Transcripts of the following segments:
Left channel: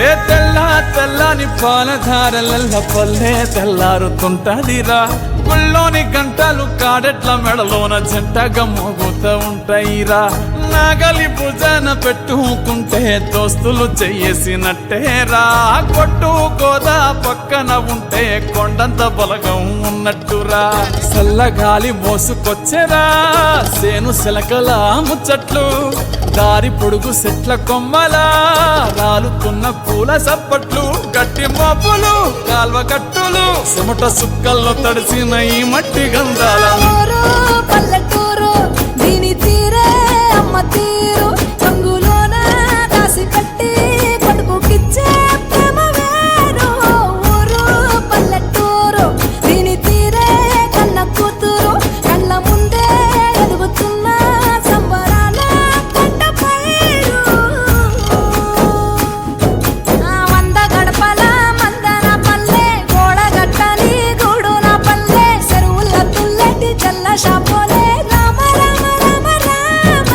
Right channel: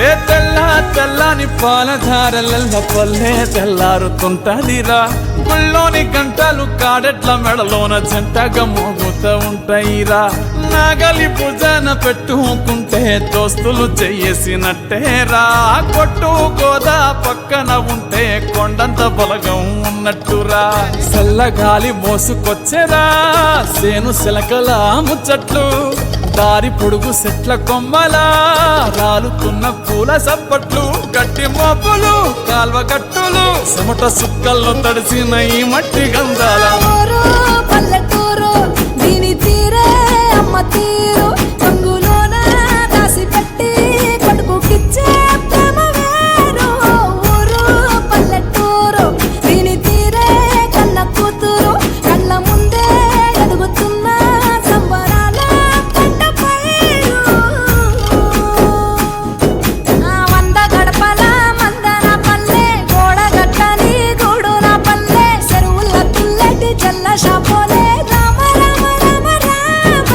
ఏ తెల్ల తెల్లని పాలధారలల్ల పల్లె తెల్లారుతుంటదిరా. గుళ్ళోని గంటలు కాడెట్ల మెడలోన జంటగా మోగుతూ ఉంటాయిరా. నాగలి భుజాన పెట్టుకుంటే దోస్తులు చెయ్యేసినట్టేరా. కొట్టు గోదా పక్కన ఉంటే కొండంత బలగం ఉన్నట్టురా. చల్లగాలి మోసుకొచ్చెరా సేను శిలకల ముచ్చట్లు. దారి పొడుగు చెట్ల కొమ్మలా రాలుతున్న పూల సప్పట్లు. గట్టి మోపులు కాల్వ గట్టులు చెమట సుక్కల్లో తడిసిన ఈ మట్టి గంధాల పల్లెటూరు దీని తీరే అమ్మ తీరు. గంగులోన దాసి పెట్టి కొడుకుకిచ్చే ప్రేమ వేరు. ఊరు పల్లెటూరు దీని తీరే కన్న కూతురు. కళ్ళ ముందే ఎదుగుతున్న సంబరాల పంట పైరు. వంద గడపల మందన పల్లె గోడగట్టని గూడున పల్లె. చెరువుల తుల్లటి జల్ల షాపోలే రామ రామ రామ రామ.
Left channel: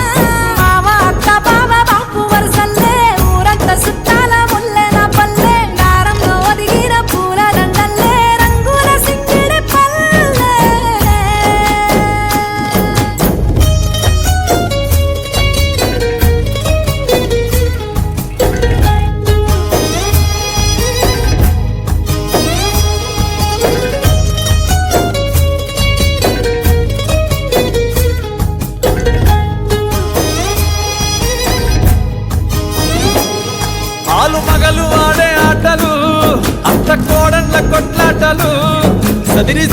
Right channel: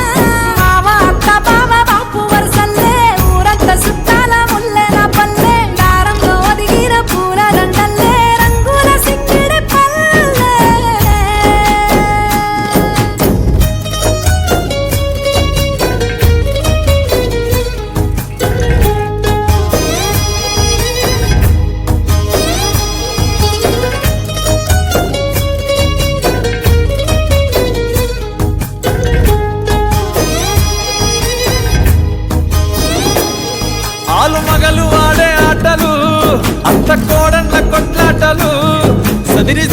మావ అక్క బావ బాపు వరసల్లే ఊరంత సుట్టాల ముల్లెన పల్లె. దారంలో ఒదిగిన పూల దండల్లే రంగుల సింగిడి పల్లె. ఆలు మగలు ఆడే ఆటలు అంత కోడన్ల కొట్లాటలు. సదిరి